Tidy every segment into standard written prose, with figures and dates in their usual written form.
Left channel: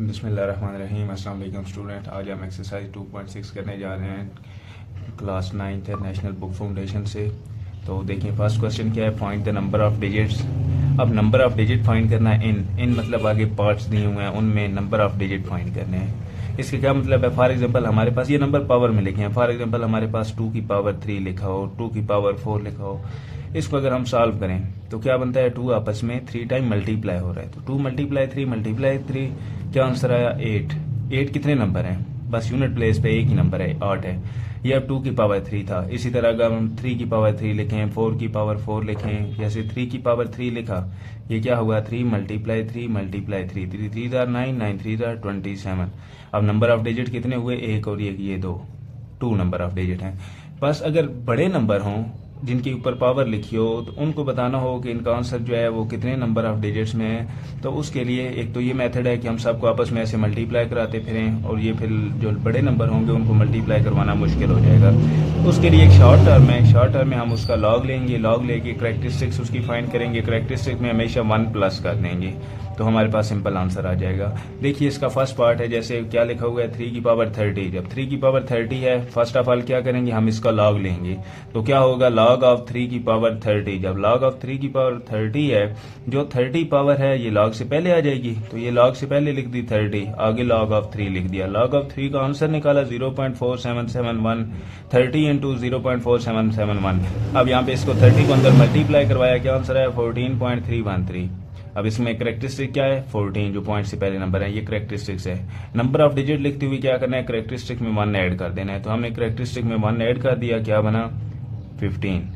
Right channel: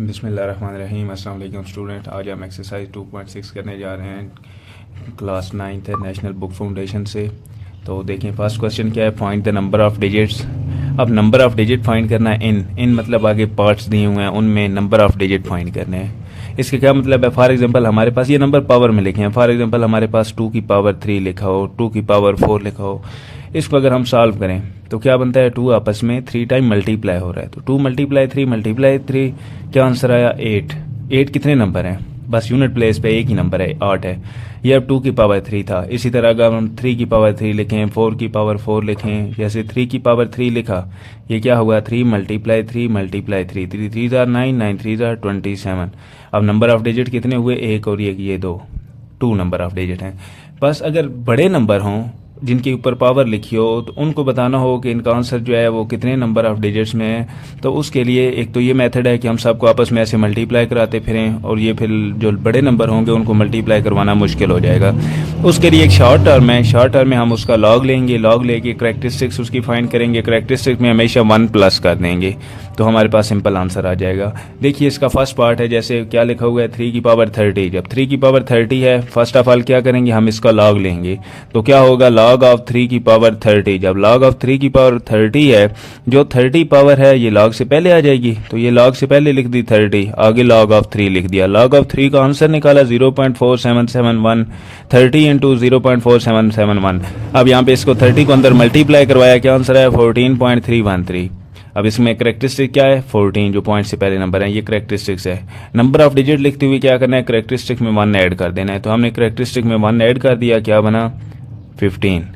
बिस्मिल्लाहिर्रहमानिर्रहीम। अस्सलाम वालेकुम स्टूडेंट। आज हम एक्सरसाइज 2.6 करने जा रहे हैं क्लास 9th है नेशनल बुक फाउंडेशन से। तो देखिए फर्स्ट क्वेश्चन क्या है, find the number of digits. अब नंबर ऑफ डिजिट फाइंड करना है। इन मतलब आगे पार्ट्स दिए हुए हैं, उनमें नंबर ऑफ डिजिट फाइंड करने हैं। इसका क्या मतलब है, फॉर एग्जांपल हमारे पास ये नंबर पावर में लिखे हैं। फॉर एग्जांपल हमारे पास 2 की पावर 3 लिखा हो, 2 की पावर 4 लिखा हो। इसको अगर हम सॉल्व करें तो क्या बनता है, 2 आपस में 3 टाइम मल्टीप्लाई हो रहा है, तो 2 मल्टीप्लाई 3 क्या आंसर आया 8। 8 कितने नंबर हैं, बस यूनिट प्लेस पे एक ही नंबर है 8 है। ये अब 2 की पावर 3 था। इसी तरह अगर हम 3 की पावर 3 लिखें, 4 की पावर 4 लिखें, जैसे 3 की पावर 3 लिखा, ये क्या हुआ 3 मल्टीप्लाई 3 मल्टीप्लाई 3, 3 3 ज़ार 9, 9 3 ज़ार 27। अब नंबर ऑफ डिजिट कितने हुए, एक और ये दो, 2 नंबर ऑफ डिजिट हैं। बस अगर बड़े नंबर हों जिनके ऊपर पावर लिखी हो तो उनको बताना हो कि इनका आंसर जो है वो कितने नंबर ऑफ डिजिट्स में है। तो उसके लिए एक तो ये मेथड है कि हम सबको आपस में ऐसे मल्टीप्लाई कराते फिरें, और ये फिर जो बड़े नंबर होंगे उनको मल्टीप्लाई करवाना मुश्किल हो जाएगा। उसके लिए एक शॉर्ट टर्म है, शॉर्ट टर्म में हम उसका लॉग लेंगे, लॉग लेके करैक्टरिस्टिक्स उसकी फाइंड करेंगे, करैक्टरिस्टिक्स में हमेशा 1 प्लस कर देंगे तो हमारे पास सिंपल आंसर आ जाएगा। देखिए इसका फर्स्ट पार्ट है, जैसे क्या लिखा हुआ है 3 की पावर 30। जब 3 की पावर 30 है, फर्स्ट ऑफ ऑल क्या करेंगे, हम इसका लॉग लेंगे। तो क्या होगा, लॉग ऑफ 3 की पावर 30। जब लॉग ऑफ 3 की पावर 30 है, जो 30 पावर है ये लॉग से पहले आ जाएगी, तो ये लॉग से पहले लिख दी 30, आगे लॉग ऑफ 3 लिख दिया। लॉग ऑफ 3 का आंसर निकाला 0.4771, 30 इंटू 0.4771। अब यहाँ पे इसको 30 को अंदर मल्टीप्लाई करवाया, क्या आंसर है 14.313। अब इसमें करेक्टरिस्टिक क्या है 14, जो पॉइंट से पहले नंबर है, ये करेक्टरिस्टिक्स है। नंबर ऑफ डिजिट लिखते हुए क्या करना है, करेक्टरिस्टिक में 1 ऐड कर देना है। तो हमने करेक्टरिस्टिक में 1 ऐड कर दिया, क्या बना 15।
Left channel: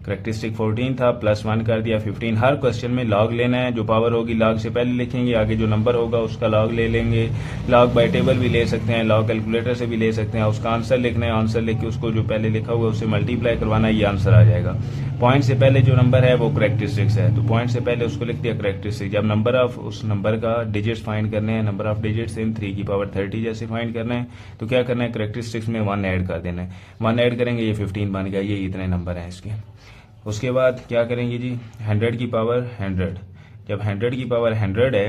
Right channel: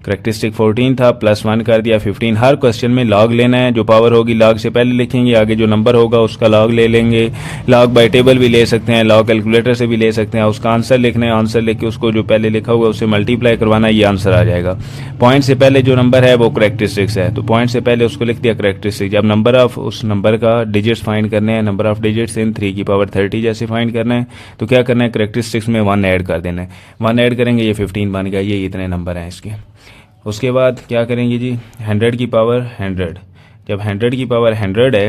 करेक्टरिस्टिक 14 था, प्लस 1 कर दिया 15। हर क्वेश्चन में लॉग लेना है, जो पावर होगी लॉग से पहले लिखेंगे, आगे जो नंबर होगा उसका लॉग ले लेंगे। लॉग बाय टेबल भी ले सकते हैं, लॉग कैलकुलेटर से भी ले सकते हैं। उसका आंसर लिखना है, आंसर लिख के उसको जो पहले लिखा हुआ है उससे मल्टीप्लाई करवाना, ये आंसर आ जाएगा। पॉइंट से पहले जो नंबर है वो करेक्टरिस्टिक्स है, तो पॉइंट से पहले उसको लिख दिया करेक्टरिस्टिक। जब नंबर ऑफ उस नंबर का डिजिट्स फाइंड करने हैं, नंबर ऑफ डिजिट्स इन 3 की पावर 30 जैसे फाइंड करना है, तो क्या करना है, करेक्टरिस्टिक्स में 1 ऐड कर देना है। 1 ऐड करेंगे, ये 15 बन गया, ये इतने नंबर हैं इसके। उसके बाद क्या करेंगे जी, 100 की पावर 100। जब 100 की पावर 100 है,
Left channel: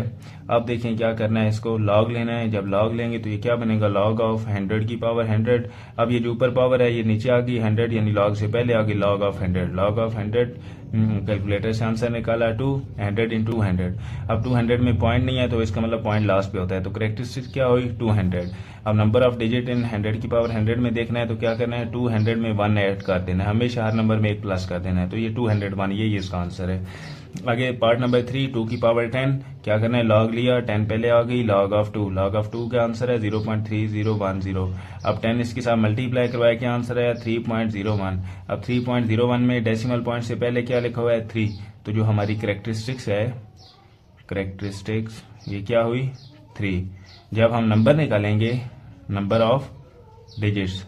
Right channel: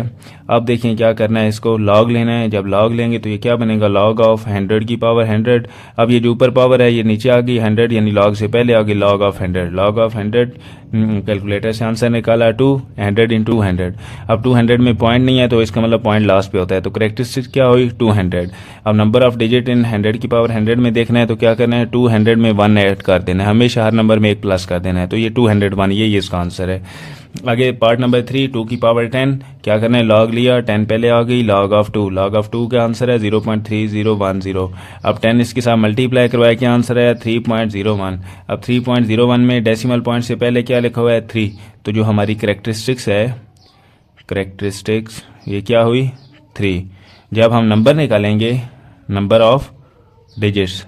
अब देखें क्या करना है, इसको लॉग लेना है। जब लॉग लेंगे तो ये क्या बनेगा, लॉग ऑफ 100 की पावर 100। अब ये जो ऊपर पावर है ये नीचे आ गई 100, यानी लॉग से पहले आ गई log of 100। Log of 100 calculator से आंसर निकाला 200 इंटू 100। अब 200 में पॉइंट नहीं है तो इसका मतलब पॉइंट लास्ट पे होता है, तो करेक्टरिस्टिक क्या हुई 200। अब नंबर ऑफ डिजिट इन 100 की पावर 100 में देखना है, तो क्या करना है 200 में 1 ऐड कर देना है, हमेशा हर नंबर में 1 प्लस कर देना है। तो ये 201, ये इसका आंसर है। आगे पार्ट नंबर 3, 2 की पावर 10। क्या करना है, लॉग लिया, 10 पहले आ गई, लॉग ऑफ 2। लॉग ऑफ 2 का आंसर है 0.3010। अब 10 इसके साथ मल्टीप्लाई करवाया, क्या आंसर है 3.01। अब 3.01 में डेसिमल पॉइंट से पहले क्या लिखा हुआ है 3, तो जो हमारी करेक्टरिस्टिक्स है, करेक्टरिस्टिक्स ये क्या हुई 3। जब हम नंबर निकालेंगे, नंबर ऑफ डिजिट्स,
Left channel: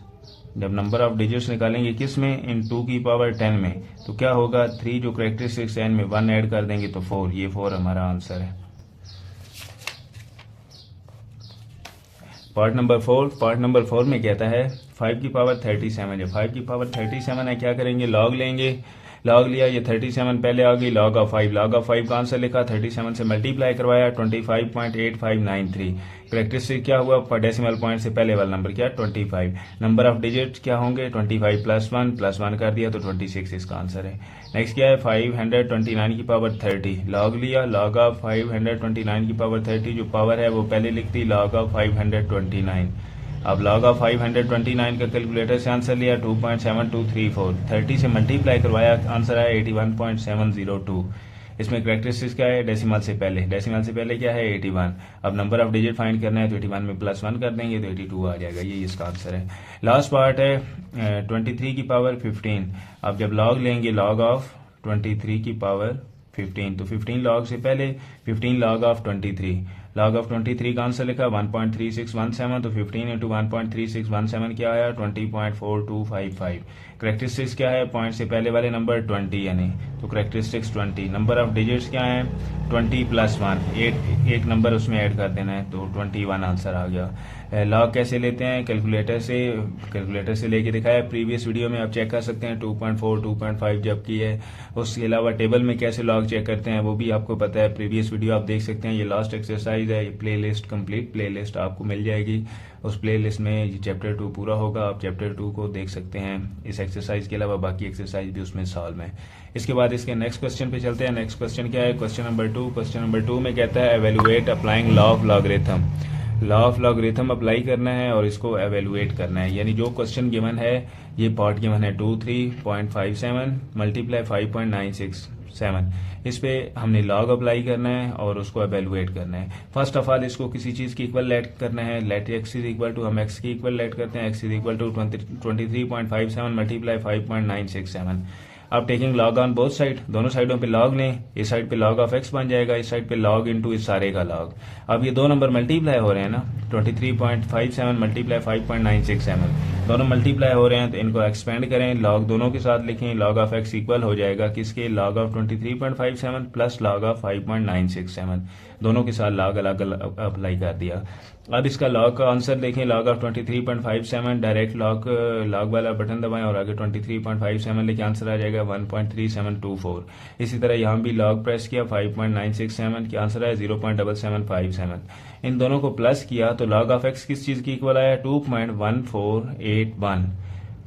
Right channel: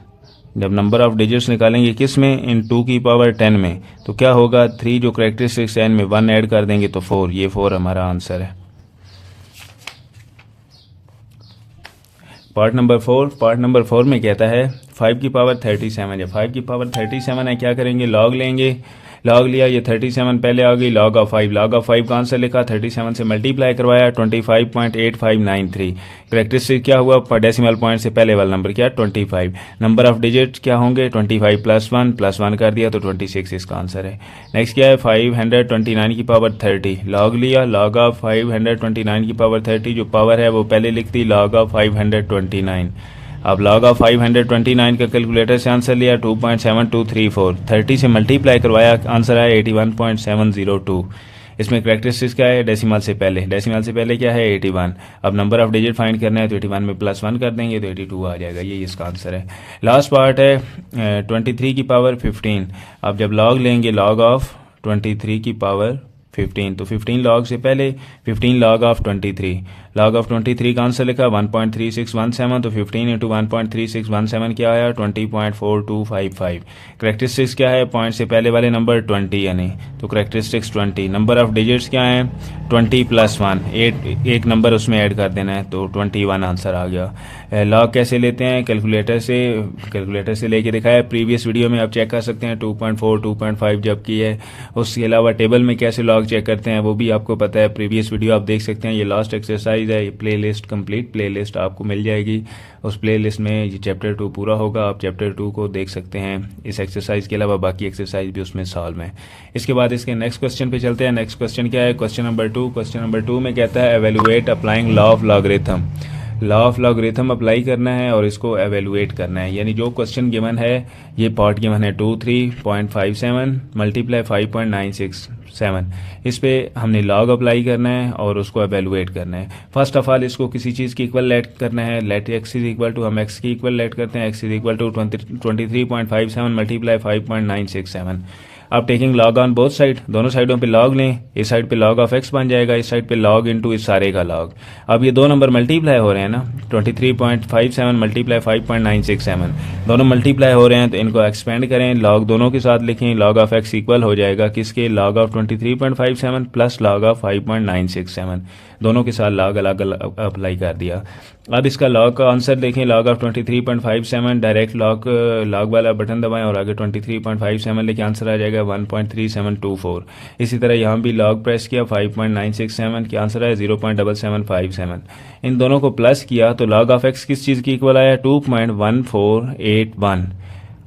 जब नंबर ऑफ डिजिट्स निकालेंगे किस में, इन 2 की पावर 10 में, तो क्या होगा 3 जो करेक्टरिस्टिक्स है इनमें 1 ऐड कर देंगे तो 4, ये 4 हमारा आंसर है। पार्ट नंबर 4 में कहता है 5 की पावर 37 है। 5 की पावर 37 है, क्या करेंगे, लॉग लेंगे। लॉग लिया, ये 37 पहले आ गई, लॉग ऑफ 5। लॉग ऑफ 5 का आंसर लिखा, 37 से मल्टीप्लाई करवाया, 25.8593। करेक्टरिस्टिक क्या हुआ, डेसिमल पॉइंट से पहले वाला नंबर क्या 25। नंबर ऑफ डिजिट क्या होंगे 25 प्लस 1 कर दिया तो 26 इसका आंसर है। नेक्स्ट क्या है 529 की पावर 30। लॉग लिया, लॉग ऑफ 529 की पावर 30, जो पावर है वो पहले लिख दी, लॉग ऑफ 529। अब लॉग ऑफ 529 का कैलकुलेटर से आंसर लिया 2.7234, 30 से मल्टीप्लाई करवाया, आंसर आया 81.702। इसमें करेक्टरिस्टिक्स क्या है, डेसिमल से पहले क्या है 81। अब नंबर ऑफ डिजिट फाइंड करना है, तो 81 में प्लस 1 कर देंगे तो 82 आ जाएगा, ये इसका आंसर है। लास्ट पार्ट है 23 की पावर 15। अब जब लॉग लेंगे, लॉग ऑफ 23 की पावर 15, तो 15 लॉग से पहले 15 लॉग ऑफ 23। लॉग ऑफ 23 का आंसर लिखा 1.3617, तो 15 इंटू 1.3617 क्या आया 20.4255। करेक्टरिस्टिक्स क्या है, पॉइंट से पहले वाले नंबर 20 यानी, तो करेक्टरिस्टिक्स 20। नंबर ऑफ डिजिट्स क्या हैं 20 प्लस 1, एक नंबर उसमें ऐड कर देना है, तो 21 आंसर आ गया। लॉग कैसे लेते हैं, कैलकुलेटर से लेके दिखाया प्रीवियस वीडियो में, आप चेक कर सकते हैं 2.4 2.5 जब की है। उसके अलावा टेबल में कैसे लॉग चेक करते हैं वो भी आपको पता है, प्रीवियस वीडियो आप देख सकते हैं। ये लास्ट एक्सरसाइज एक्सरसाइज है, play list complete play list आपको मिल जाएगी। उस प्ले लिस्ट में ये चैप्टर 2 पूरा होगा, आप चैप्टर 2 को देख सकते हैं। इस एक्सरसाइज के अलावा बाकी एक्सरसाइज भी उसमें सॉल्व है। इसके बाद इसके नेक्स्ट क्वेश्चन पे चलते हैं। नेक्स्ट क्वेश्चन क्या है? Question number 2। क्वेश्चन नंबर 2 में कहता है evaluate applying law of logarithm. Law of logarithm apply करना है और इसको एवेलुएट करना है। यानी जो क्वेश्चन गिवन है, ये पार्ट गिवन है 23.57 मल्टीप्लाई 5.967, इस पे हमने लॉग अप्लाई करना है और उसको एवेलुएट करना है। फर्स्ट ऑफ ऑल इसको किसी चीज़ की इक्वल लेट करना है। Let x is equal to, हम एक्स की इक्वल लेट करते हैं, x is equal to 23.57 multiply 5.967। अब taking log on both side, दोनों साइडों पे लॉग लें। इस साइड पे लॉग ऑफ एक्स बन जाएगा, इस साइड पे लॉग इनटू इस सारे का लॉग। अब ये दो नंबर मल्टीप्लाई हो रहे हैं ना, 23.57 मल्टीप्लाई 5.967, दोनों मल्टीप्लाई हो रहे हैं, तो इनको एक्सपेंड करें, लॉग दोनों के साथ लिखें। लॉग ऑफ एक्स इक्वल हो जाएगा किसके? Log of 23.57 plus log of 5.967, दोनों के साथ लॉग अलग अलग अप्लाई कर दिया। अब इसका लॉग का आंसर देखें, लॉग ऑफ 23.57, डायरेक्ट लॉग वाला बटन दबाएं और आगे 23.57 लेके आंसर आ जाएगा 1.3724। इसी तरह यहाँ भी लॉग प्रेस किया, 5.967 के आंसर आया 0.7757। इन दोनों को प्लस किया तो लॉग ऑफ एक्स किस चीज़ की इक्वल आया? 2.1481।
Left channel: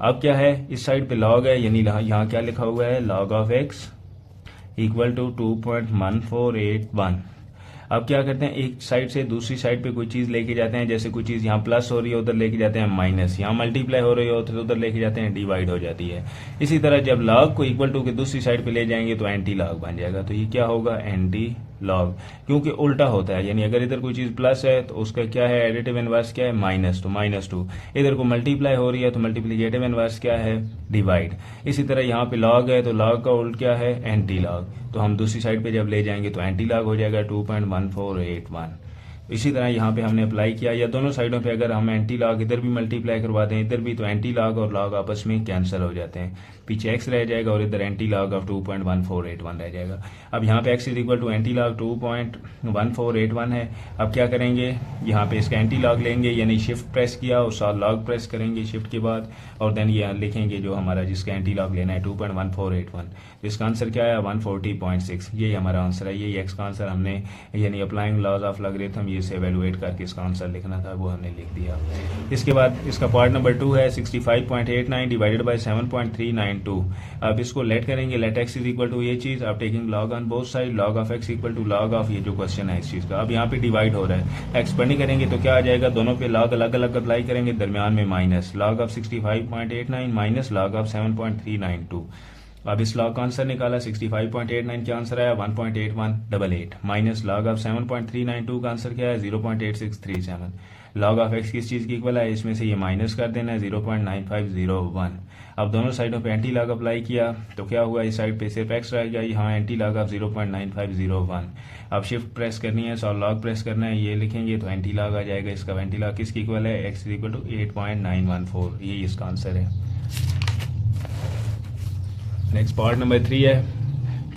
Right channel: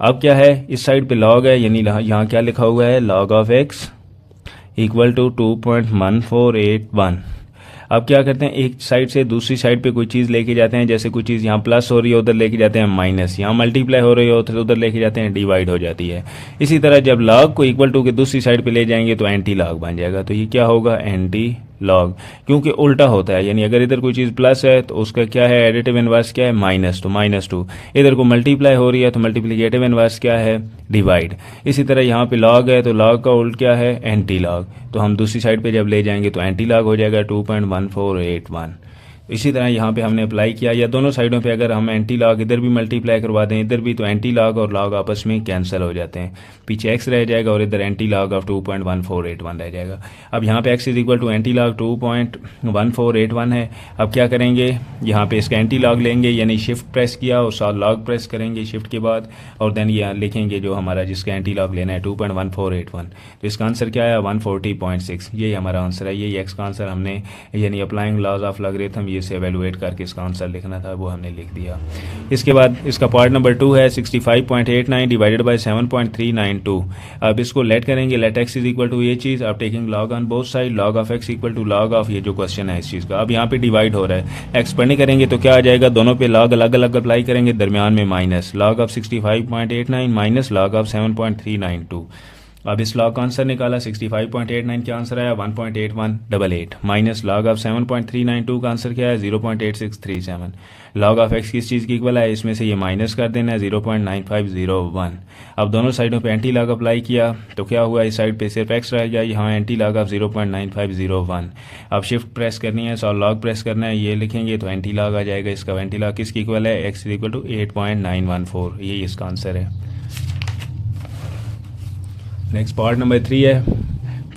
अब क्या है, इस साइड पे लॉग है, यानी यहाँ क्या लिखा हुआ है? Log of x equal to 2.1481। अब क्या करते हैं, एक साइड से दूसरी साइड पे कोई चीज़ लेके जाते हैं, जैसे कोई चीज़ यहाँ प्लस हो रही है उधर लेके जाते हैं माइनस, यहाँ मल्टीप्लाई हो रही है तो उधर लेके जाते हैं डिवाइड हो जाती है। इसी तरह जब लॉग को इक्वल टू के दूसरी साइड पे ले जाएंगे तो एंटी लॉग बन जाएगा। तो ये क्या होगा? एंटी लॉग, क्योंकि उल्टा होता है। यानी अगर इधर कोई चीज़ प्लस है तो उसका क्या है? एडिटिव इनवर्स क्या है? माइनस, तो -2। इधर को मल्टीप्लाई हो रही है तो मल्टीप्लिकेटिव इनवर्स क्या है? डिवाइड। इसी तरह यहाँ पे लॉग है तो लॉग का उल्ट क्या है? Anti log. तो हम दूसरी साइड पे जब ले जाएंगे तो एंटी लॉग हो जाएगा 2.1481। इसी तरह यहाँ पे हमने अप्लाई किया, या दोनों साइडों पे अगर हम एंटी लॉग इधर भी मल्टीप्लाई करवा दें इधर भी, तो एंटी लॉग और लॉग आपस में कैंसिल हो जाते हैं, पीछे एक्स रह जाएगा और इधर एंटी लॉग ऑफ 2.1481 रह जाएगा। अब यहाँ पे x is equal to anti log 2.1481 है। अब क्या करेंगे, यहाँ पे इसका एंटी लॉग लेंगे, यानी शिफ्ट प्रेस किया और साथ लॉग प्रेस करेंगे शिफ्ट के बाद, और देन ये लिखेंगे जो हमारा जिसका एंटी लॉग लेना है 2.1481। तो इसका आंसर क्या आया? 140.6। यही हमारा आंसर है, यही एक्स का आंसर हमने, यानी अप्लाइंग लॉज ऑफ लॉगरिथम, ये से एवेलुएट करके इसका आंसर लिखना था, वो हमने लिख दिया। इसके बाद इसका पार्ट नंबर 2 है 65.89 डिवाइडेड बाय 7.392। अब इसको लेट करेंगे, let x is equal to ये चीज़, अब taking log on both side, log of x equal to log of ये जो क्वेश्चन है इस चीज़ का। अब यहाँ पे डिवाइड हो रहा है, एक्सपेंड करेंगे तो क्या आ जाएगा? दोनों पे लॉग अलग अलग अप्लाई करेंगे, दरमियान में minus, log of 65.89 minus log of 7.392। अब इस लॉग का आंसर निकाला, 65.89 का आंसर आया 1.8188 माइनस लॉग ऑफ 7.392 का आंसर क्या है? 0.8637। लॉग ऑफ एक्स किस चीज़ की इक्वल है? इसमें से ये माइनस कर देना है 0.9501। अब दोनों साइडों पे एंटी लॉग अप्लाई किया तो क्या हुआ? इस साइड पे सिर्फ एक्स रह गया, यहाँ एंटी लॉग ऑफ 0.9501। अब शिफ्ट प्रेस करनी है, और लॉग प्रेस करना है, ये लिखेंगे तो एंटी लॉग आ जाएगा। इसका एंटी लॉग किसकी इक्वल है? X is equal to 8.914। यही इसका आंसर है। नेक्स्ट पार्ट नंबर 3 है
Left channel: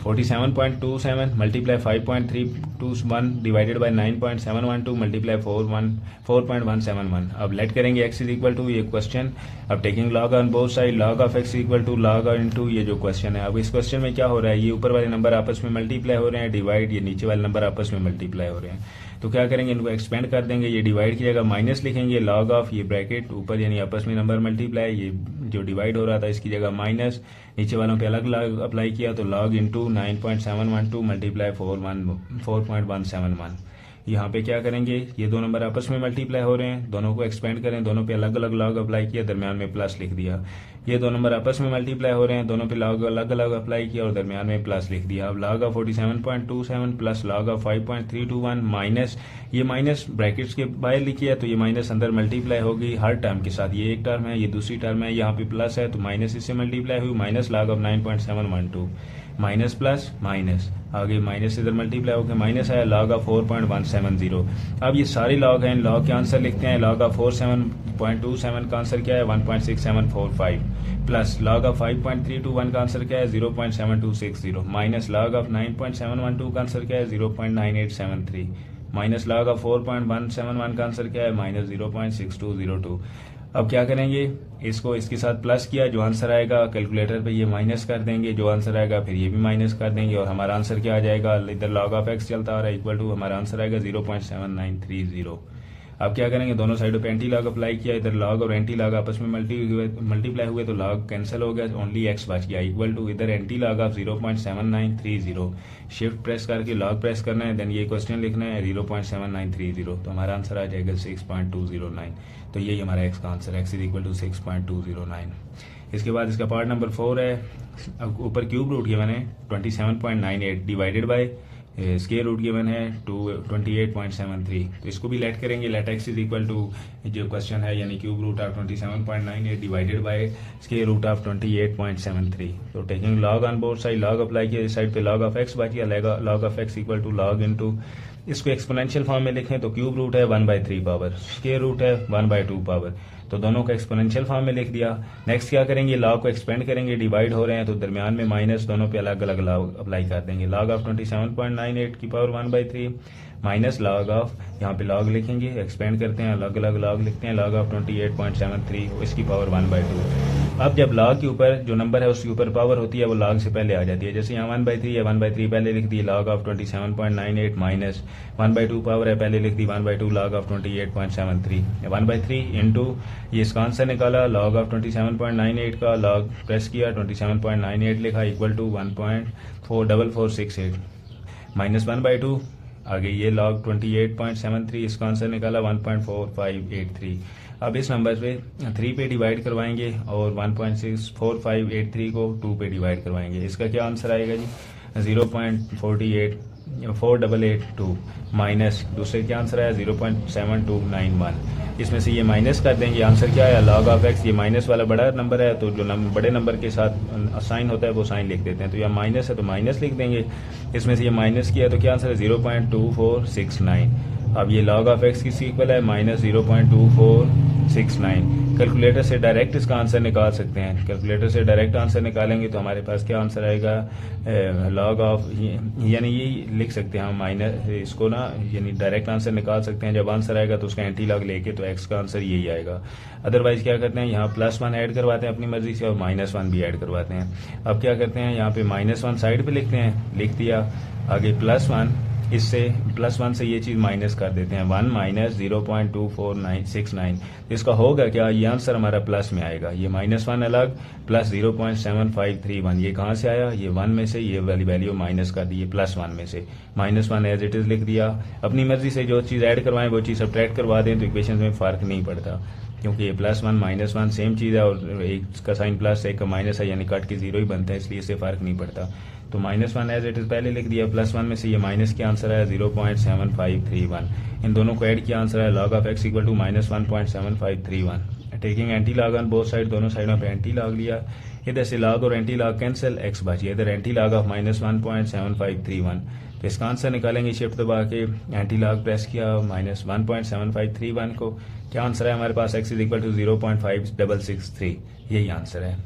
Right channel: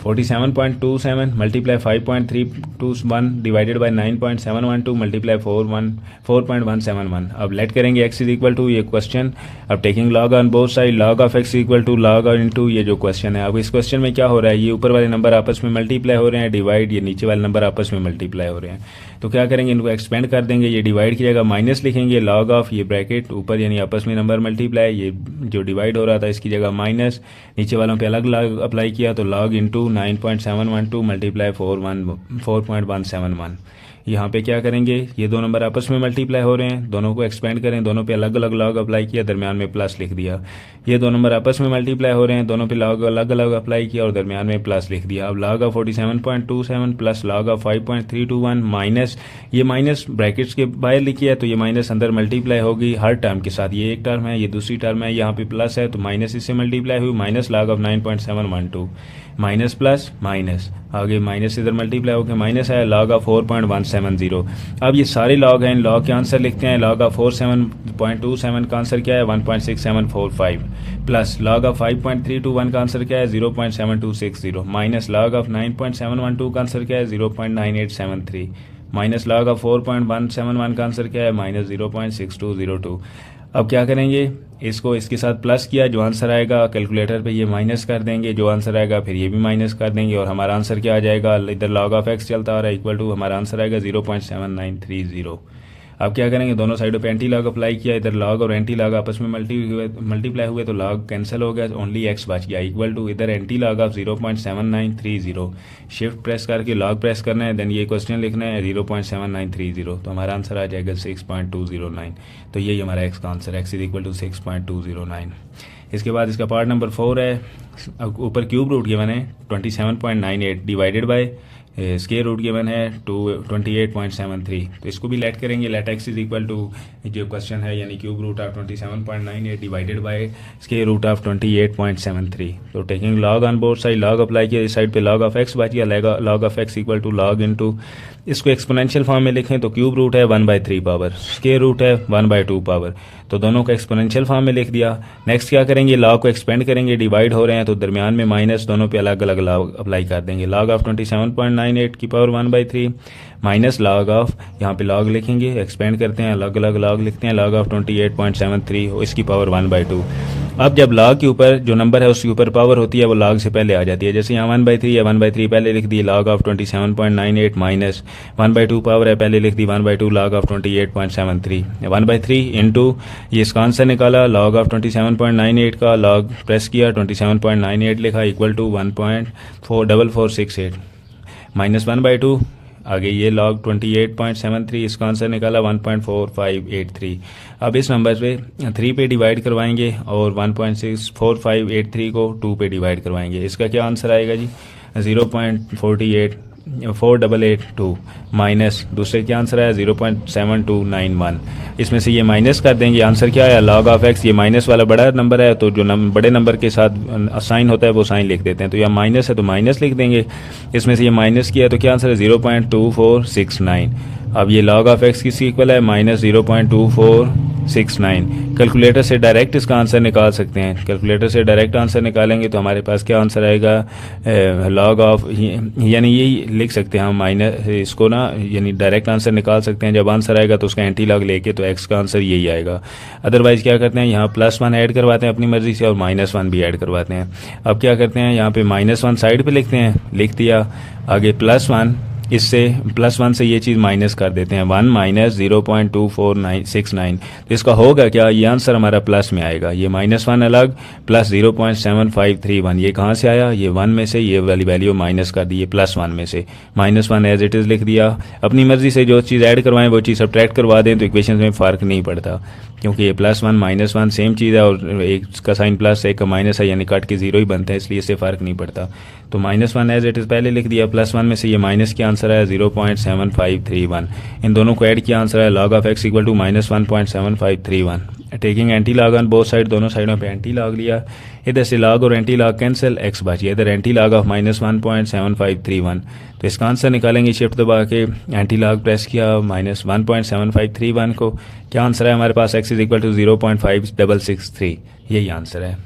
47.27 मल्टीप्लाई 5.321 डिवाइडेड बाय 9.712 मल्टीप्लाई 4.171। अब लेट करेंगे एक्स इज इक्वल टू ये क्वेश्चन, अब taking log on both side, log of x equal to log into ये जो क्वेश्चन है। अब इस क्वेश्चन में क्या हो रहा है? ये ऊपर वाले नंबर आपस में मल्टीप्लाई हो रहे हैं, डिवाइड, ये नीचे वाले नंबर आपस में मल्टीप्लाई हो रहे हैं। तो क्या करेंगे? इनको एक्सपेंड कर देंगे, ये डिवाइड की जगह माइनस लिखेंगे, लॉग ऑफ ये ब्रैकेट ऊपर यानी आपस में नंबर मल्टीप्लाई, ये जो डिवाइड हो रहा था इसकी जगह माइनस, नीचे वालों पे अलग लॉग अप्लाई किया तो लॉग इंटू 9.712 मल्टीप्लाई 4.171। यहाँ पे क्या करेंगे? ये दो नंबर आपस में मल्टीप्लाई हो रहे हैं, दोनों को एक्सपेंड करें, दोनों पे अलग अलग लॉग अप्लाई किया, दरमियान में प्लस लिख दिया। ये दो नंबर आपस में मल्टीप्लाई हो रहे हैं, दोनों पे लॉग अलग अलग अप्लाई किया और दरमियान में प्लस लिख दिया। अब log of 47.27 plus log of 5.321 minus, ये माइनस ब्रैकेट्स के बाहर लिखी है तो ये माइनस अंदर मल्टीप्लाई होगी हर टर्म के साथ। ये एक टर्म है, ये दूसरी टर्म है, यहाँ पे प्लस है तो माइनस इससे मल्टीप्लाई हुई, minus log of 9.712 minus plus minus, आगे माइनस इधर मल्टीप्लाई होकर माइनस आया, लॉग ऑफ 4.170। अब ये सारे लॉग हैं, इन लॉग के आंसर लिखते हैं। लॉग ऑफ 47.27 का आंसर क्या है? 1.6745 प्लस लॉग ऑफ 5.321 का आंसर क्या है? 0.7260 माइनस लॉग ऑफ 9.712 का आंसर क्या है? 0.9873 माइनस लॉग ऑफ 4.171 का आंसर क्या है? -0.6202। अब क्या करेंगे, इसको इसके साथ प्लस किया, जो आंसर आएगा कैलकुलेटर पे ये माइनस कर देंगे, जो आंसर आएगा फिर ये भी माइनस कर देंगे और हमारा आंसर क्या आ जाएगा, इधर log ऑफ x चलता आ रहा है इक्वल टू हमारा आंसर आएगा 0.7930। अब क्या करेंगे, दोनों साइडों पे एंटी लॉग अप्लाई किया, इधर लॉग और एंटी लॉग आपस में मल्टीप्लाई हुए तो लॉग कैंसिल हो गया, ओनली x बच गया इक्वल टू इधर anti log of 0.7930। Shift press करके लॉग प्रेस करना है, देन ये क्वेश्चन लिखना है 0.7930, तो हमारा आंसर आ जाएगा 6.209। तो यही हमारा x का answer, x is equal to 6.209। इसके बाद इसका पार्ट नंबर 4 है, ऊपर क्यूब रूट गिवन है 27.98 divided by square root given है 28.73। तो इसको भी लेट करेंगे, let x is equal to जो क्वेश्चन है यानी cube root of 27.98 divided by square root of 28.73। तो taking log on both side, log apply किया, इस साइड पे लॉग ऑफ एक्स बच गया, log of x equal to log into, इसको एक्सपोनेंशियल फॉर्म में लिखें तो क्यूब रूट है 1/3 पावर, स्केयर रूट है 1/2 पावर, तो दोनों को एक्सपोनेंशियल फॉर्म में लिख दिया। नेक्स्ट क्या करेंगे, लॉग को एक्सपेंड करेंगे, डिवाइड हो रहे हैं तो दरमियान में माइनस, दोनों पे अलग अलग लॉग अप्लाई कर देंगे। लॉग ऑफ 27.98 की पावर 1/3 माइनस लॉग ऑफ, यहाँ पे लॉग लिखेंगे, एक्सपेंड करते हैं, अलग अलग लॉग लिखते हैं, लॉग ऑफ 28.73 इसकी पावर 1/2। अब जब लॉग के ऊपर जो नंबर है उसके ऊपर पावर होती है वो लॉग से पहले आ जाती है, जैसे यहाँ 1/3 है, 1/3 पहले लिख दी, लॉग ऑफ 27.98 माइनस 1/2 पावर है, पहले लिख दी 1/2 लॉग ऑफ 28.73, 1/3 इंटू ये इसका आंसर निकाला, लॉग ऑफ 27.98 का लॉग प्रेस किया, 27.98 लिखा इक्वल टू 1.44468 माइनस 1/2, आगे ये लॉग 28.73, इसका आंसर निकाला 1.4583। अब इस नंबर पे 3 पे डिवाइड करवाएंगे और 1.64583 को 2 पे डिवाइड करवाएंगे, इसका क्या आंसर आएगा जी 0.484882 माइनस दूसरे क्या आंसर आया 0.7291। इसमें से ये माइनस कर देंगे, आंसर क्या आया लॉग ऑफ एक्स, ये माइनस वाला बड़ा नंबर है तो जो बड़े नंबर के साथ साइन होता है वो साइन लिख देते हैं, तो यहाँ माइनस है तो माइनस लिख देंगे, इसमें से ये माइनस किया तो क्या आंसर है 0.2469। अब ये log ऑफ x किसकी इक्वल है माइनस 0.2469। कैलकुलेटर से डायरेक्ट इसका आंसर निकाल सकते हैं, कैलकुलेटर से डायरेक्ट आंसर निकालेंगे तो हमारे पास क्या आंसर आएगा log ऑफ, यानी यही लिख सकते हैं हम माइनस इसको ना, यानी डायरेक्ट आंसर निकाल सकते हैं, जब आंसर आएगा तो उसका एंटी लॉग लेके तो x का आंसर यही आएगा। अदरवाइज़ क्या करते हैं यहाँ +1 ऐड करवाते हैं अपनी मर्ज़ी से और -1 भी ऐड करवाते हैं। अब क्या करते हैं यहाँ पे -1 साइड पे लिखते हैं, लिख दिया, आगे +1 इससे +1 से ये चीज़ माइनस कर देते हैं, 1 माइनस 0.2469, तो इसका होगा क्या, ये आंसर हमारा प्लस में आएगा, ये -1 अलग प्लस 0.7531, ये कहाँ से आया, ये 1 में से ये वाली वैल्यू माइनस कर दी, ये +1 में से -1 एज इट इज़ लिख दिया। अपनी मर्ज़ी से जो चीज़ ऐड करवाएं वो चीज़ सब्ट्रैक्ट करवा दें तो इक्वेशन में फ़र्क नहीं पड़ता, क्योंकि ये +1 -1 सेम चीज़ है और एक का साइन प्लस एक का माइनस है, यानी कट के 0 ही बनता है, इसलिए इससे फ़र्क नहीं पड़ता। तो -1 एज इट इज़ पहले लिख दिया, +1 में से ये माइनस के आंसर है 0.7531, इन दोनों को ऐड किया, आंसर है log of x equal to -1.7531। Taking anti log on both side, दोनों साइडों पे एंटी लॉग लिया, इधर से लॉग और एंटी लॉग कैंसिल, x बची, इधर एंटी लॉग ऑफ -1.7531, तो इसका आंसर निकालेंगे शिफ्ट दबा के, एंटी लॉग प्रेस किया -1.7531 को, क्या आंसर है हमारे पास x इज इक्वल टू 0.5663, यही आंसर है।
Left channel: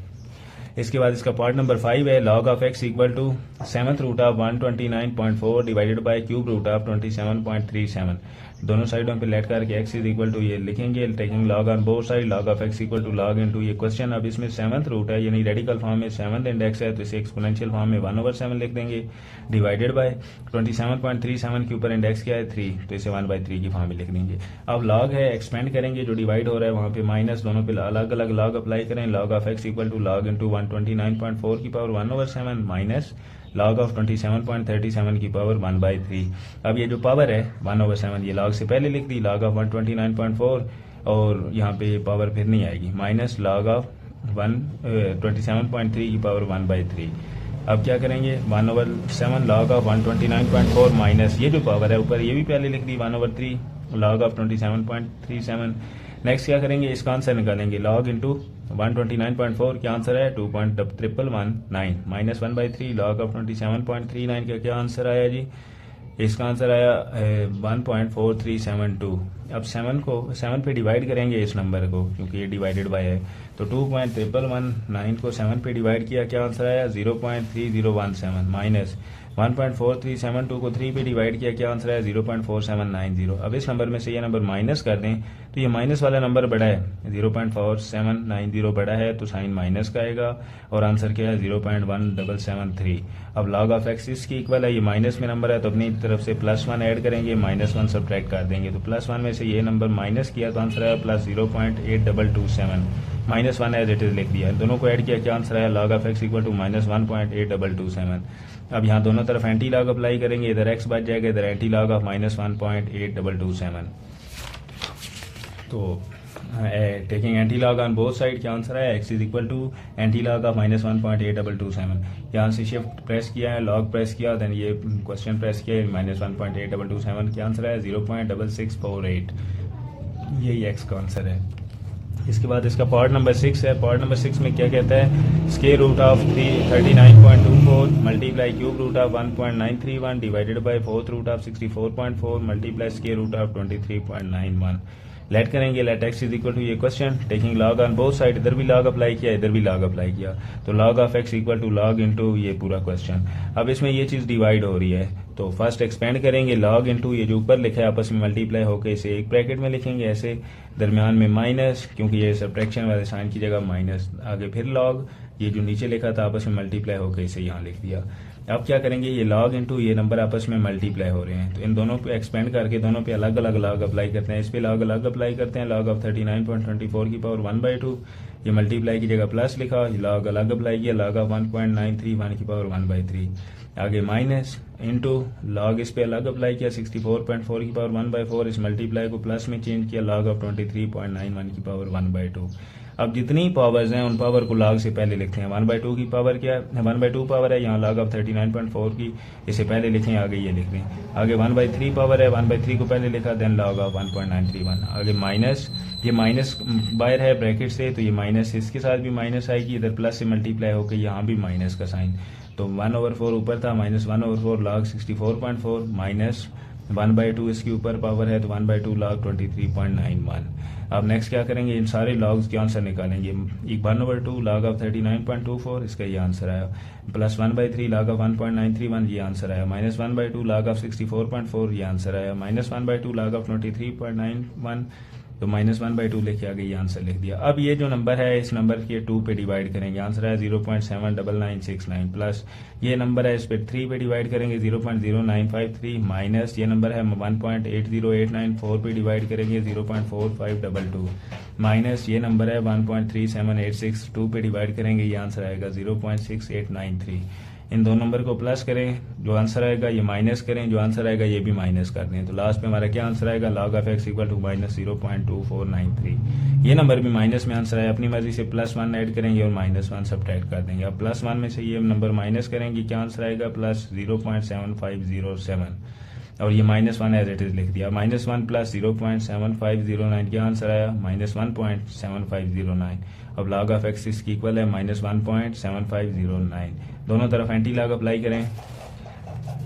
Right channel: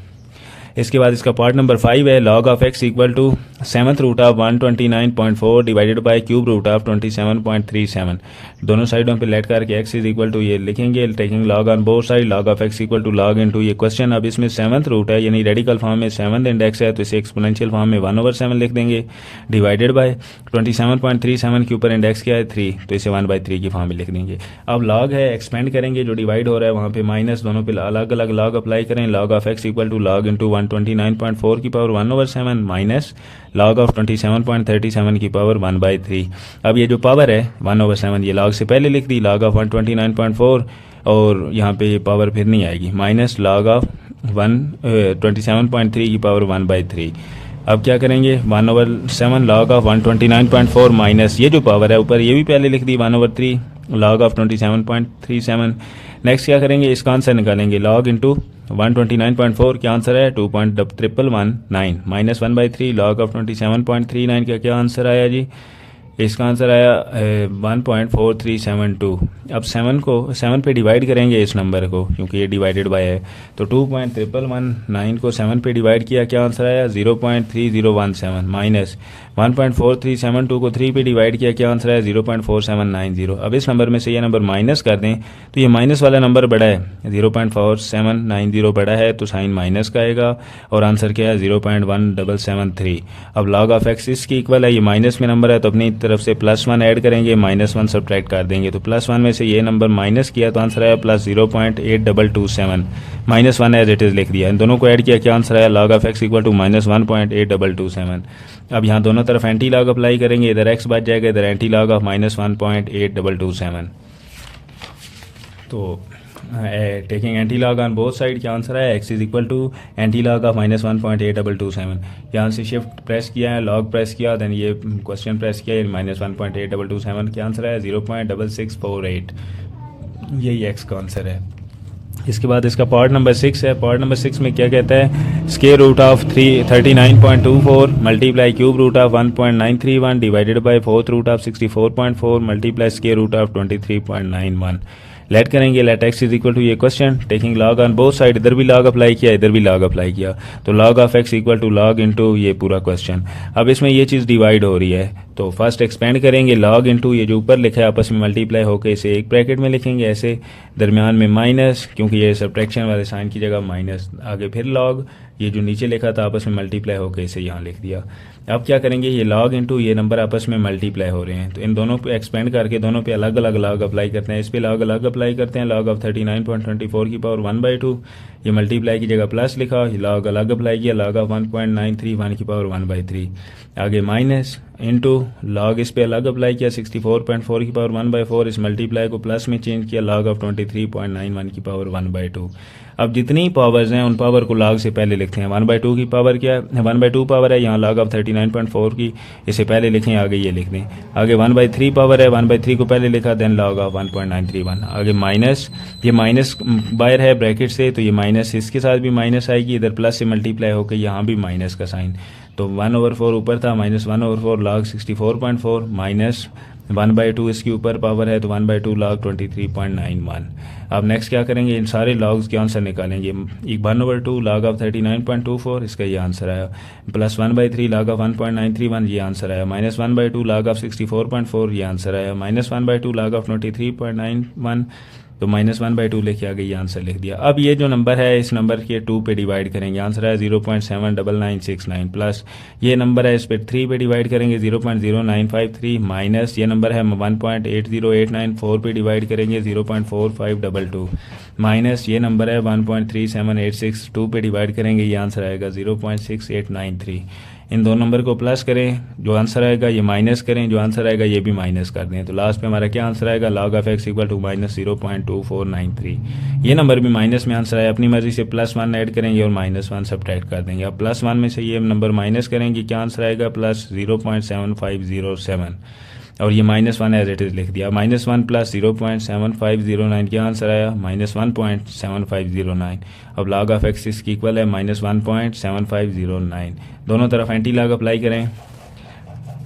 इसके बाद इसका पार्ट नंबर 5 है, log of x equal to 7th root of 129.4 divided by cube root of 27.37, दोनों साइडों पे लेट करके x इज इक्वल टू ये लिखेंगे, taking log on both side, log of x equal to log into ये question. अब इसमें 7th root है यानी रेडिकल फॉर्म में 7th इंडेक्स है तो इसे एक्सपोनेंशियल फॉर्म में 1/7 लिख देंगे, डिवाइडेड बाय 27.37 के ऊपर इंडेक्स क्या है 3, तो इसे 1/3 की फॉर्म में लिख देंगे। अब log है, एक्सपेंड करेंगे, जो डिवाइड हो रहा है वहाँ पे माइनस, दोनों पे अलग अलग log अप्लाई करें, log of x equal to log into 129.4 की पावर 1/7 माइनस log ऑफ 27.37 की पावर 1/3। अब ये जो पावर है 1/7 ये log से पहले लिख दी, log ऑफ 129.4 और यहाँ पे ये पावर फिर नहीं आएगी, माइनस log ऑफ 27.3 की पावर 1/3। अब क्या करेंगे 1/7 log ऑफ 129.4 माइनस ये जो पावर है ऊपर ये भी पहले लिख दी 1/3 log ऑफ 27.37। नेक्स्ट क्या करेंगे, इसका आंसर निकालेंगे, log इंटू 129.4 क्या आंसर है 2.1119 माइनस 1/3 log ऑफ 27.39 का क्या आंसर आया जी, इसका आंसर आया 1.4372। अब 7 पे डिवाइड करेंगे इस नंबर को, क्योंकि ये डिवाइडेड बाय है, तो 2.1119 को 7 पे डिवाइड किया, क्या आंसर आया 0.3017 माइनस 1.4372 को 3 पे डिवाइड किया, क्या आंसर है 0.4790। अब इस नंबर में से ये नंबर माइनस कर दें तो ये माइनस वाला नंबर बड़ा है, 0.4790 बड़ा है तो साइन माइनस का आएगा और आंसर क्या है 0.1773। अब log ऑफ x इसकी इक्वल है, ये माइनस में नंबर है तो अपनी तरफ से +1 ऐड करेंगे, -1 सब्ट्रैक्ट कर देंगे तो +1 में से ये नंबर माइनस किया तो आंसर आया +0.8227, -1 एज इट इज़ लिख दिया। इन दोनों को ऐड किया, क्या आंसर आया log of x equal to -1.8227। अब यहाँ दोनों तरफ एंटी लॉग अप्लाई करेंगे, इधर x बच जाएगा, इधर एंटी लॉग ऑफ -1.8227। तो taking anti log on both side, क्या आंसर है x is equal to anti log of -1.8227। यहाँ से शिफ्ट प्रेस किया है, लॉग प्रेस किया, दैन ये क्वेश्चन प्रेस किया, -1.8227, क्या आंसर है 0.6648। यही x का आंसर है। इसके बाद इसका पार्ट नंबर 6 है। पार्ट नंबर 6 में क्या कहता है, square root of 39.24 multiply cube root of 1.931 divided by fourth root of 64.4 multiply square root of 23.91। Let करेंगे, let x is equal to ये question, taking log on both side, इधर भी log apply किया, इधर भी लॉग अप्लाई किया, तो log of x equal to log into ये पूरा क्वेश्चन। अब इसमें ये चीज़ डिवाइड हो रही है तो फर्स्ट एक्सपेंड करेंगे, log इनटू ये जो ऊपर लिखा है आपस में मल्टीप्लाई होकर इसे एक ब्रैकेट में लिखेंगे ऐसे, दरमियान में माइनस, क्योंकि ये सब्ट्रैक्शन वाले साइन की जगह माइनस, आगे फिर log, ये जो नीचे लिखा था आपस में मल्टीप्लाई होकर इसे यहाँ लिख दिया। अब क्या करेंगे, ये log इनटू ये नंबर आपस में मल्टीप्लाई हो रहे हैं तो इन दोनों पे एक्सपेंड करके दोनों पे अलग अलग log अप्लाई करते हैं। इस पे log अलग अप्लाई करते हैं, log ऑफ 39.24 की पावर 1/2, ये मल्टीप्लाई की जगह प्लस लिखा, log अलग अप्लाई किया, log ऑफ 1.931 की पावर 1/3, आगे माइनस इनटू log इस पे अलग अप्लाई किया, 64.4 की पावर 1/4, इस मल्टीप्लाई को प्लस में चेंज किया, log ऑफ 23.91 की पावर 1/2। अब जितनी पावर्स हैं उन पावर को log से पहले लिखते हैं। 1/2 की पावर क्या है, 1/2 पावर है, यहाँ log ऑफ 39.4 की, इसे पहले लिखें, आगे ये लिख दें। आगे 1/3 पावर है, 1/3 को पहले लिखा, देन log ऑफ 1.931, आगे माइनस, ये माइनस बाहर है ब्रैकेट से तो ये माइनस इसके साथ भी माइनस आएगी, इधर प्लस से मल्टीप्लाई होकर यहाँ भी माइनस का साइन, तो 1/4 ऊपर था, -1/4 log 64.4 माइनस 1/2 इसके ऊपर पावर है तो 1/2 log 23.91। अब नेक्स्ट क्या करेंगे, इन सारे लॉग्स के आंसर निकालेंगे। 1/2 log ऑफ 39.24 इसका ये आंसर आया, प्लस 1/3 log ऑफ 1.931 ये आंसर आया, -1/2 log ऑफ 64.4 ये आंसर आया, -1/2 log ऑफ 23.91, तो -1/2 लेके आगे ये आंसर लिख दिया। अब ये जो नंबर है इस नंबर के 2 पे डिवाइड करेंगे, आंसर है 0.79969, प्लस ये नंबर है इस पे 3 पे डिवाइड करेंगे 0.0953, माइनस ये नंबर है 1.80894 पे डिवाइड करेंगे 0.4522, माइनस ये नंबर है 1.37862 पे डिवाइड करेंगे, ये आंसर आएगा 0.6893। इन दोनों नंबर को प्लस करें, जो आंसर आएगा ये माइनस करें, जो आंसर आएगा ये भी माइनस कर दें, तो लास्ट पे हमारा क्या आंसर आएगा, log of x equal to -0.2493। ये नंबर भी माइनस में आंसर आया, अपनी मर्जी से +1 ऐड करेंगे और -1 सब्ट्रैक्ट कर देंगे। अब +1 में से ये नंबर माइनस करेंगे, क्या आंसर आएगा +0.7507, और ये -1 एज इट इज़ लिख दिया। -1 प्लस 0.7509 क्या आंसर आया, -1.7509। अब log ऑफ x इसकी इक्वल है -1.7509। दोनों तरफ एंटी लॉग अप्लाई करें,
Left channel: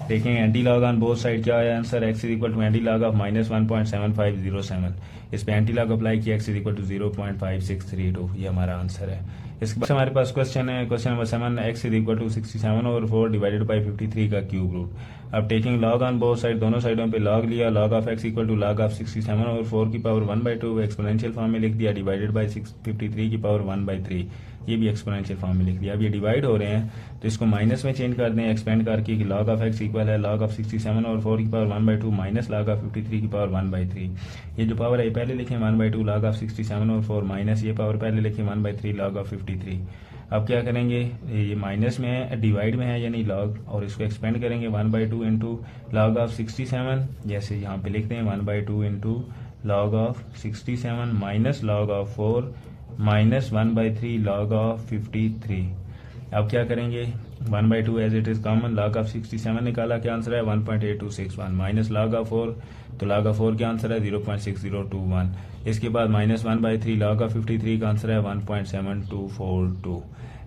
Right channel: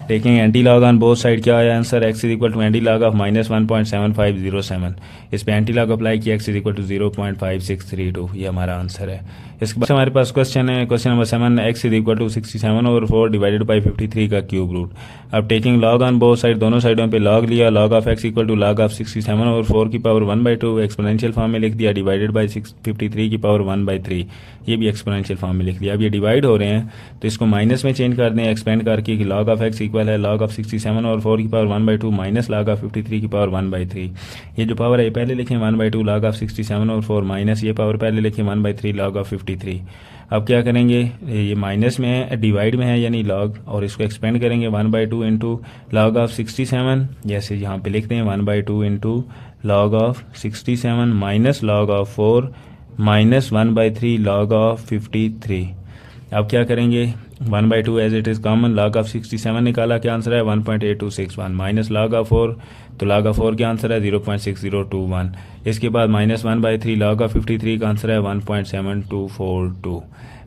taking anti log on both side, क्या आया answer, x is equal to anti log of -1.7507। इस पे एंटी लॉग अप्लाई किया, x इज इक्वल टू 0.5632, ये हमारा आंसर है। इसके बाद हमारे पास क्वेश्चन है, question number 7, x is equal to 67/4 divided by 53 का क्यूब रूट। अब taking log on both side, दोनों साइडों पे log लिया, log of x equal to log of 67/4 की पावर 1/2 एक्सपोनेंशियल फॉर्म में लिख दिया, डिवाइडेड बाई 53 की पावर 1/3, ये भी एक्सपोनेंशियल फॉर्म में लिख दिया। अब ये डिवाइड हो रहे हैं तो इसको माइनस में चेंज कर दें, एक्सपेंड करके कि log ऑफ x इक्वल है log ऑफ 67/4 की पावर 1/2 माइनस log ऑफ 53 की पावर 1/3। ये जो पावर है पहले लिखें 1/2 log ऑफ 67/4 माइनस ये पावर पहले लिखें 1/3 log ऑफ 53। अब क्या करेंगे, ये माइनस में है, डिवाइड में है यानी log, और इसको एक्सपेंड करेंगे 1/2 इंटू log ऑफ 67, जैसे यहाँ पे लिखते हैं 1/2 into log of 67 minus log of 4 minus 1/3 log of 53। अब क्या करेंगे, 1/2 as it is common, log of 67 निकाला, क्या आंसर है 1.8261, माइनस log ऑफ 4, तो log ऑफ 4 क्या आंसर है 0.6021। इसके बाद -1/3 log ऑफ 53 का आंसर है 1.7242।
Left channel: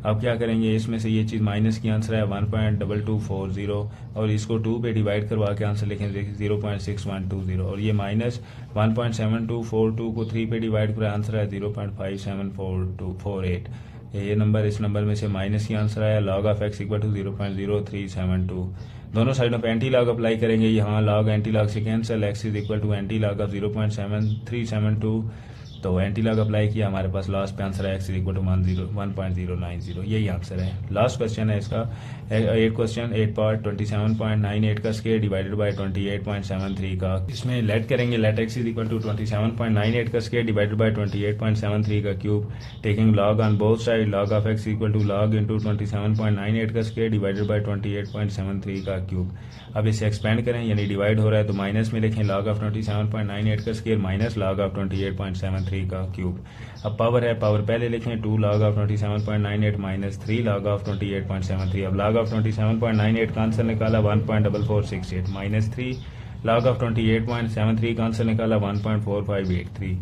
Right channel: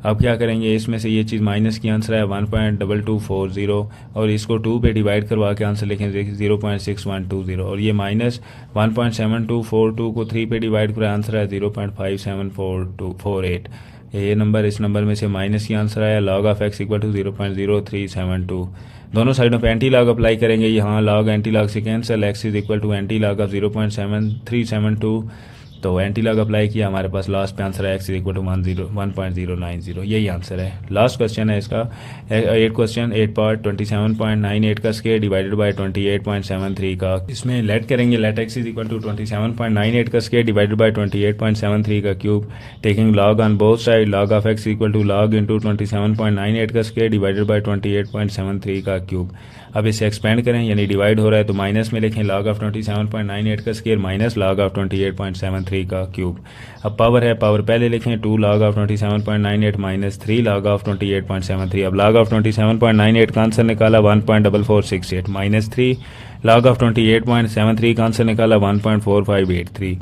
अब क्या करेंगे, इसमें से ये चीज़ माइनस की आंसर है 1.2240, और इसको 2 पे डिवाइड करवा के आंसर लिखें 0.6120, और ये माइनस 1.7242 को 3 पे डिवाइड करा, आंसर है 0.574248। ये नंबर, इस नंबर में से माइनस की आंसर आया, log of x equal to 0.0372। दोनों साइडों पे एंटी लॉग अप्लाई करेंगे, यहाँ लॉग एंटी लॉग से cancel, x is equal to anti log of 0.7372, तो एंटी लॉग अप्लाई किया, हमारे पास लास्ट पे आंसर है एक्स इज इक्वल टू 1.090, यही आंसर है। लास्ट क्वेश्चन है इसका 8 क्वेश्चन 8 पार्ट 27.98 का स्क्वायर डिवाइडेड बाय 28.73 का, इसमें लेट करेंगे, let x is equal to 27.98 का स्क्वायर डिवाइडेड बाय 28.73 का cube, taking log on both side, log of x equal to log into 27.98 का स्क्वायर डिवाइडेड बाय 28.73 का क्यूब। अब इसे एक्सपेंड करें, यानी डिवाइड हो रहा है तो माइनस में लिखें, लॉग ऑफ 27.98 का स्क्वायर माइनस लॉग ऑफ 28.73 का क्यूब। अब पावर है, पावर पहले लिखें, 2 log of 27.98 minus 3 log of 28.73। अब log ऑफ 27.98 का आंसर निकाला 1.4468 माइनस 3 log ऑफ 28.73 का आंसर निकाला 1.4583।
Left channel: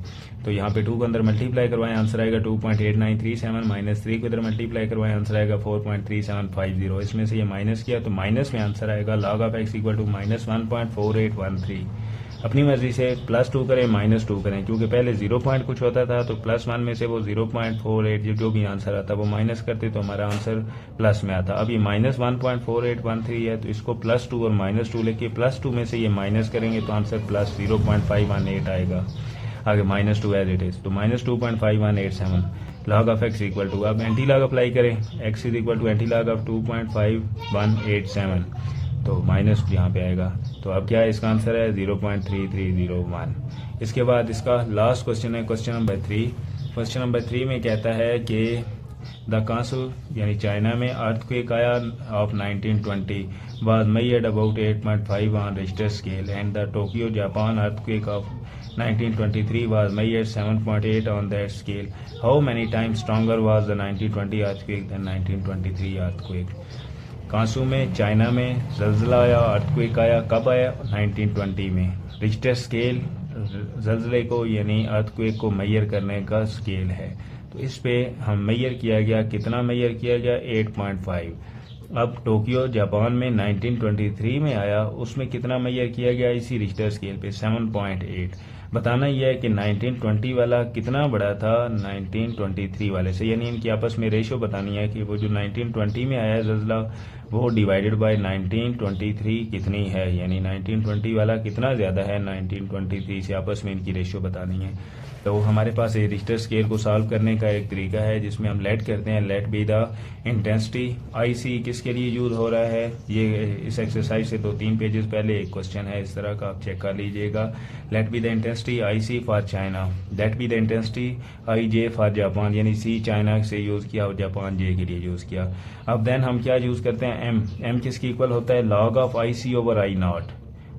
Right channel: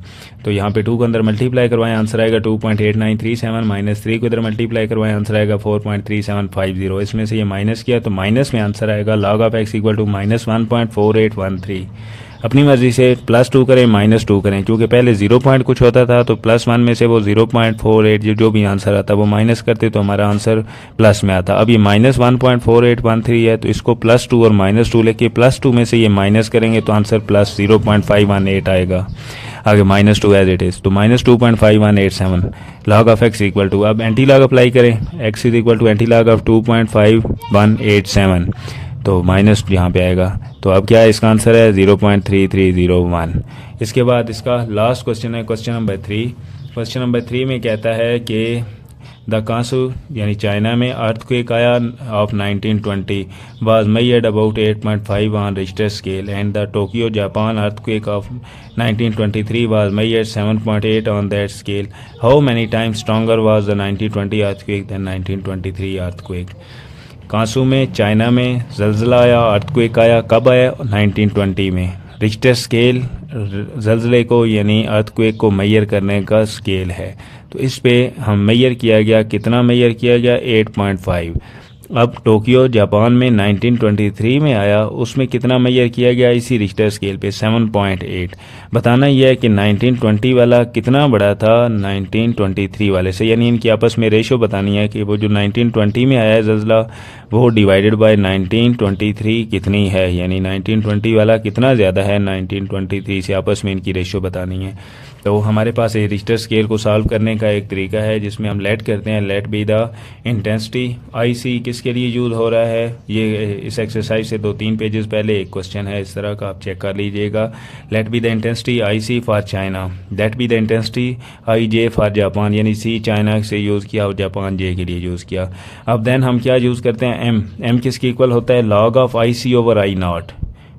तो यहाँ पे 2 को अंदर मल्टीप्लाई करवाएं, आंसर आएगा 2.8937, माइनस 3 को इधर मल्टीप्लाई करवाएं, आंसर आएगा 4.3750। इसमें से ये माइनस किया तो माइनस में आंसर आएगा log of x equal to minus 1.4813। अपनी मर्ज़ी से +2 करें -2 करें, क्योंकि पहले 0 पॉइंट कुछ होता था तो +1 में से वो 0.48 जो भी आंसर आता वो माइनस करते तो हमारा आंसर प्लस में आता। अब ये -1.4813 है तो इसको +2 और -2 लेके +2 में से ये माइनस करेंगे तो आंसर +0.518 आएगा। आगे -2 एज इट इज़, तो -2.5187 log of x equal to, अब एंटी लॉग अप्लाई करें, x is equal to anti log of 2.5187, तो माइनस यहाँ पे आएगा। तो अब क्या है, इसका आंसर है 0.3301। इसके बाद इसका लास्ट क्वेश्चन है क्वेश्चन नंबर 3। क्वेश्चन नंबर 3 में कहता है कि द कांसू यानी चाइना में अर्थक्वेक आया of 1920 was measured about 8.5 on Richter scale and the Tokyo Japan earthquake of 1923 was measured 7.8 on that scale. How many times stronger was the 1920 earthquake than 1923 earthquake. Kansu में China में जल्जला आया, earthquake आया, कब आया, 1920 में। Richter scale जल्जले को यानी earthquake को मेजर करने का स्केल है, तो इस पे हम मेजर किया गया, कितना मेजर किया गया, 8.5। अब टोक्यो जापान में 1923 में आया, उसमें कितना मेजर किया गया इसी रिक्टर स्केल पे, 7.8। बताना यह है कि 1920 वाला कितना बड़ा था 1923 वाले से, यानी इनकी आपस में रेशो बतानी है कि वो जो 1920 में आया है जल्जला वो डिवाइडेड बाय 1923 कितनी है, यानी 1920 वाला कितना ज़्यादा है 1923 से, आपस में इनकी रेशो बतानी है। तो हमारे पास ये रिक्टर स्केल को सॉल्व करने का एक तरीका है जिसमें हम लेट करते हैं, let be the intensity IC किसके लिए यूज़ हो रहा है, ये इस एक्सरसाइज से 2-3 पेजेस पहले एक क्वेश्चन है इस तरह का, आप चेक कर लीजिएगा। Let be the intensity IC for China, let be the intensity IJ for Japan, यानी C चाइना से यूज़ किया और जापान J के लिए यूज़ किया। अब देन हम क्या यूज़ करते हैं, M किसके इक्वल होता है, log of IC over I naught,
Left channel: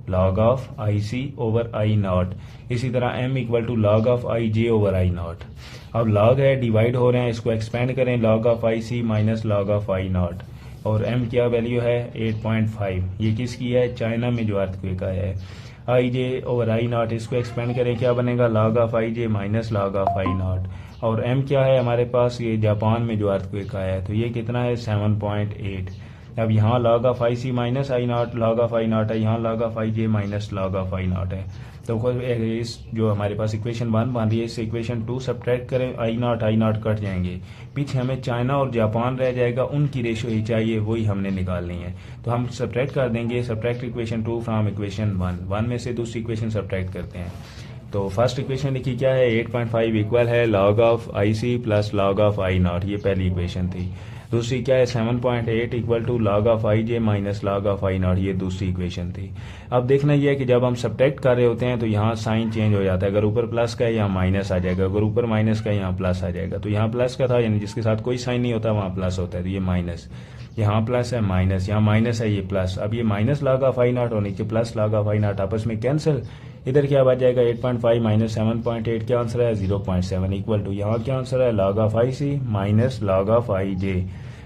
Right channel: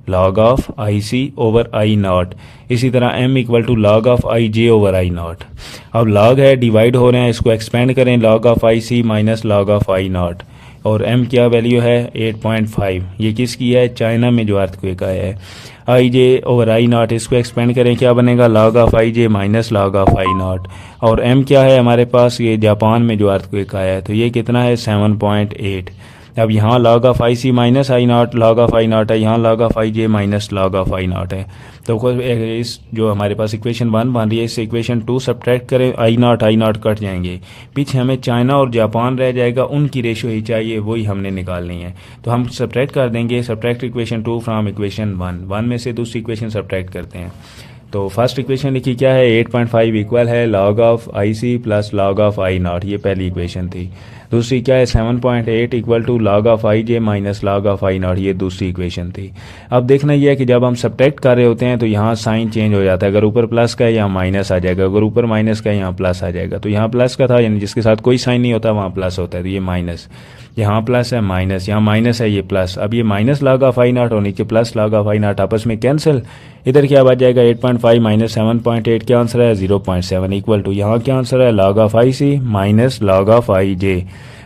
log of IC over I naught. इसी तरह M equal to log of IJ over I naught. अब log है, डिवाइड हो रहे हैं, इसको एक्सपेंड करें, log of IC minus log of I naught, और M क्या वैल्यू है 8.5, ये किसकी है, चाइना में जो अर्थक्वेक आया है। IJ ओवर I नॉट, इसको एक्सपेंड करें, क्या बनेगा, log of IJ minus log of I naught, और M क्या है हमारे पास, ये जापान में जो अर्थक्वेक आया है, तो ये कितना है 7.8। अब यहाँ log of IC minus I naught log of I not है, यहाँ log of IJ minus log of I not है। तो इस जो हमारे पास इक्वेशन 1 बन रही है, इस इक्वेशन 2 सब्ट्रैक्ट करें, I नॉट कट जाएंगे, पीछे हमें चाइना और जापान रह जाएगा, उनकी रेशो ही चाहिए, वही हमने निकालनी है। तो हम सब्ट्रैक्ट कर देंगे, सब्ट्रैक्ट इक्वेशन 2 फ्राम इक्वेशन 1 में से दूसरी इक्वेशन सब्ट्रैक्ट करते हैं। तो फर्स्ट इक्वेशन लिखी क्या है, 8.5 इक्वल है log of IC plus log of I naught, ये पहली इक्वेशन थी। दूसरी क्या है, 7.8 equal to log of IJ minus log of I naught, ये दूसरी इक्वेशन थी। अब देखना यह है कि जब हम सब्ट्रैक्ट कर रहे होते हैं तो यहाँ साइन चेंज हो जाता है, अगर ऊपर प्लस का है यहाँ माइनस आ जाएगा, अगर ऊपर माइनस का है यहाँ प्लस आ जाएगा। तो यहाँ प्लस का था, यानी जिसके साथ कोई साइन नहीं होता वहाँ प्लस होता है, तो ये माइनस, यहाँ प्लस है माइनस, यहाँ माइनस है ये प्लस। अब ये minus log of I naught और नीचे plus log of I not आपस में कैंसिल, इधर क्या बच जाएगा 8.5 माइनस 7.8, क्या आंसर है 0.7 इक्वल टू, यहाँ क्या आंसर है log of IC minus log of IJ।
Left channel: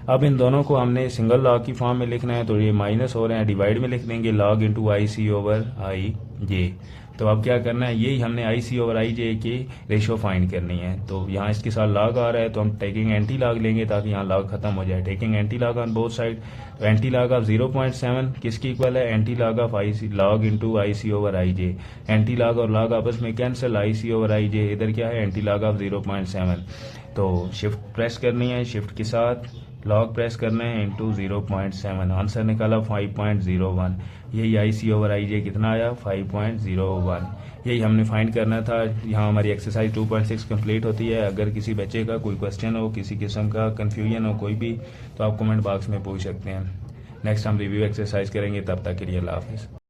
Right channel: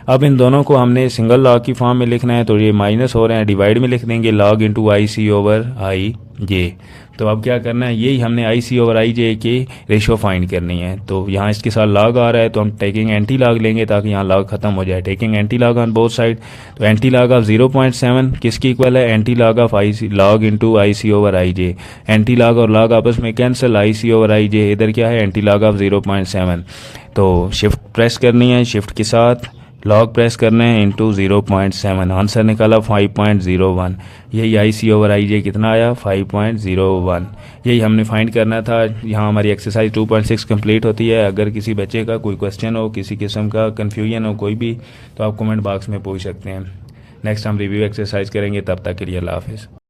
अब इन दोनों को हमने सिंगल लॉग की फॉर्म में लिखना है, तो ये माइनस हो रहे हैं, डिवाइड में लिख देंगे log into IC over IJ। तो अब क्या करना है, यही हमने IC ओवर IJ की रेशो फाइंड करनी है। तो यहाँ इसके साथ log आ रहा है तो हम टेकिंग एंटी log लेंगे ताकि यहाँ log खत्म हो जाए, taking anti log on both side. तो एंटी log ऑफ 0.7 किसकी इक्वल है, anti log of IC log into IC over IJ। Anti log और log आपस में कैंसिल, IC ओवर IJ, इधर क्या है एंटी log ऑफ 0.7। तो शिफ्ट प्रेस करनी है, शिफ्ट के साथ लॉग प्रेस करना है इंटू 0.7, आंसर निकाला 5.01। यही आई सी ओवर आई जे कितना आया 5.01। यही हमने फाइंड करना था। यहाँ हमारी एक्सरसाइज 2.6 कंप्लीट होती है। अगर किसी बच्चे का कोई क्वेश्चन हो, किसी किस्म का कन्फ्यूजन हो कोई भी, तो आप कमेंट बॉक्स में पूछ सकते हैं। नेक्स्ट हम रिव्यू एक्सरसाइज करेंगे, तब तक के लिए अल्लाह हाफिज़।